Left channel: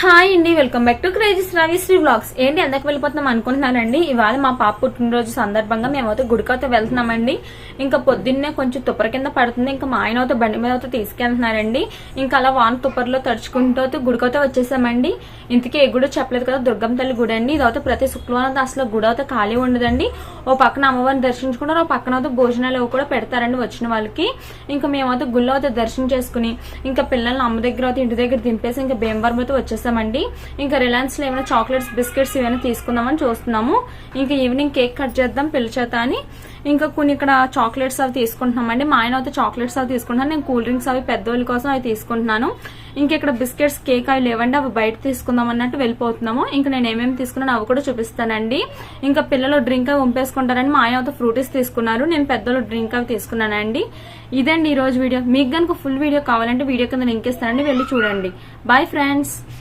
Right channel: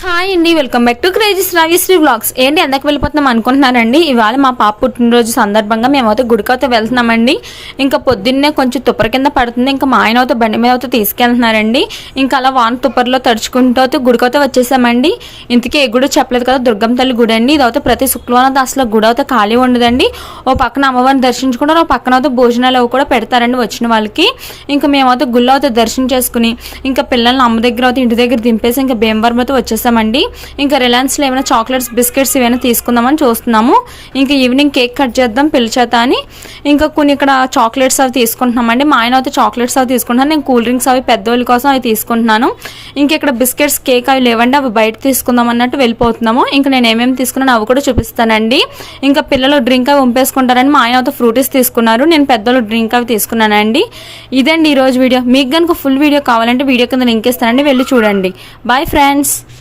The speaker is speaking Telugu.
హాయ్ అండి, welcome back to crazy Sravyasri vlogs. ఏంటి ఎంతకు వెళ్ళిపోతున్నాం అనుకుంటున్నారండి? ఇవాళ మా పాప పుట్టినరోజు సందర్భంగా మేమైతే గుడికైతే వెళ్తున్నామండి. ఇంకా పొద్దున్నే కొంచెం తుప్పర కింద పడుతుంది. ఇంకా మా ఆయన అయితే బండి మీద అయితే తీసుకెళ్తున్నారండి. ఇంకా అలా వాన తుప్పర్లో తడుచుకుంటూ అయితే గుడికైతే వచ్చేసామండి. ఇంతకీ ఏ గుడి చెప్పలేదు కదా, దుర్గమ్మ తల్లి గుడి అండి. ఇదైతే ప్రతి శుక్రవారం అసలు గుడి అయితే ఖాళీ ఉండదండి. ఓ పక్కన అమ్మవారిని దర్శించుకుంటారు, ఓ పక్కన అయితే భోజనాలు అవి కూడా పెడతారండి వచ్చిన వాళ్ళకి. ఇంకా మేమైతే గుళ్ళో అయితే దర్శనం చేసుకుని ఇంకా పిల్లల్ని అమ్మ దగ్గర అయితే ఇంటి దగ్గర దింపేసి ఇంకా భీమవరం అయితే వచ్చేసామండి. ఇంకా రిలయన్స్లో ఏమైనా చాక్లెట్స్ బిస్కెట్స్ ఏమైనా తీసుకుందామని చూస్తున్నాము. ఇంకా ఈవినింగ్ కేక్ కట్ చేద్దాం పిల్ల చేత అని ఇంకా కొన్ని ఇక్కడ చాక్లెట్స్ అవి తీసుకుంటున్నామండి. మా ఆయన అయితే చాక్లెట్స్ అవి తీసుకుంటున్నాను, నేను కూల్ డ్రింక్స్ అవి పెద్దవాళ్ళ కోసం అవి తీసుకుంటున్నాను. ఇంక ఇక్కడ బిస్కెట్స్ కేక్ అవి లేవండి, అవి బయట తీసుకుందాం అన్నట్టు వెళ్ళిపోతున్నాము. ఇంకా నేను ఏమేమి తీసుకున్నాను అవి కూడా చూపిస్తానండి. ఇంకా పిల్లలు డ్రింక్ అవి ఉంపేసుకుంటారని మా ఆయన అయితే ఫ్రూటీస్ తీసుకున్నారు, నేను పెద్దలు డ్రింక్ అవి తీసుకున్నానండి. ఇదండి ఈరోజు వీడియో. మీకు కనుక ఫుల్ వీడియో కావాలంటే వీడియో కింద లింక్ ఇస్తానండి, వెళ్ళి చూడండి. Bye friends.